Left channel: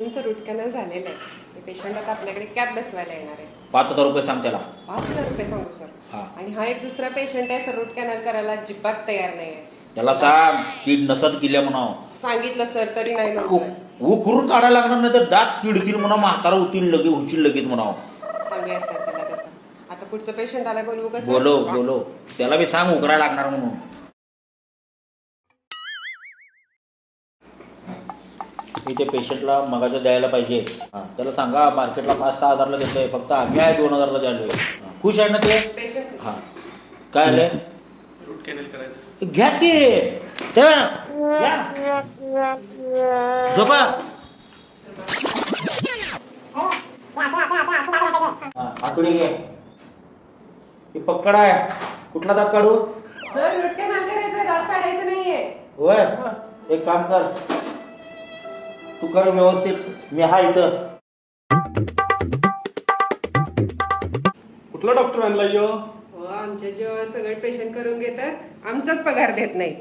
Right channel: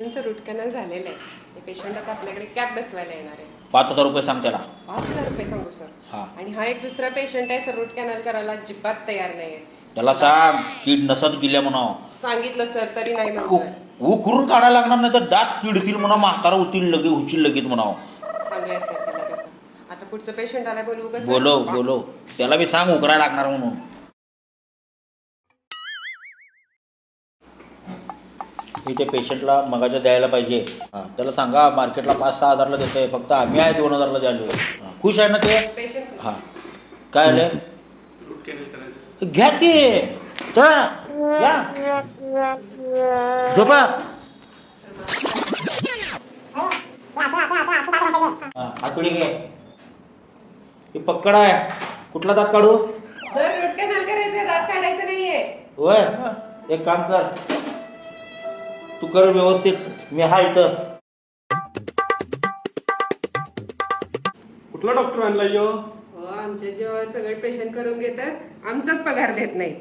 त्यांचं route canal झालेलं आहे. पेशंट आता आपल्याकडे कॅब बसवायला येणार आहे. 5,000 रुपये सांग त्याला. 5,000 रुपये सांगू सर. हा. आणि हा एक दुसरा पेशंट आहे सर, रूट कॅनल करायला अजिबात तयार नाही आहे. त्याला सांग कीड नसत गेल्या म्हणा. सांगितलं सर तरी नाही म्हणतोय. उकरून काढायला लागणार नाही तर दात किडतील म्हणा, म्हातारा होतील लगे होतील लगेच म्हणावं. सांगूया सर त्याला तसं. आता पुढचं पेशंट आला बोलवू का सर? बोलो त्याला बी सांग उकरायला लागणार म्हणून. ते पेशंटला मगाचं द्यायला पाहिजे. त्याला सांगा मार्केटला 5-6 हजारला देतोय, फक्त आम्ही आहे 2,000ला द्यालोय. खुश आहे ना ते? पेशंट हा काय आलंय? घ्या ते तर झोपा. आतडी घे. हे पक्कड आहे. कुठला दात काढू? सर रूट कॅनल करायचं, दात काढायचं नाहीये. होय, एक काम कर, तू कर व्यवस्थित, मी हा इथं. कुठला डॉक्टर आणला यो? हो, आमच्या जेव्हा सगळे पेशंट करून घेतात, आमचाच पगार देत नाही.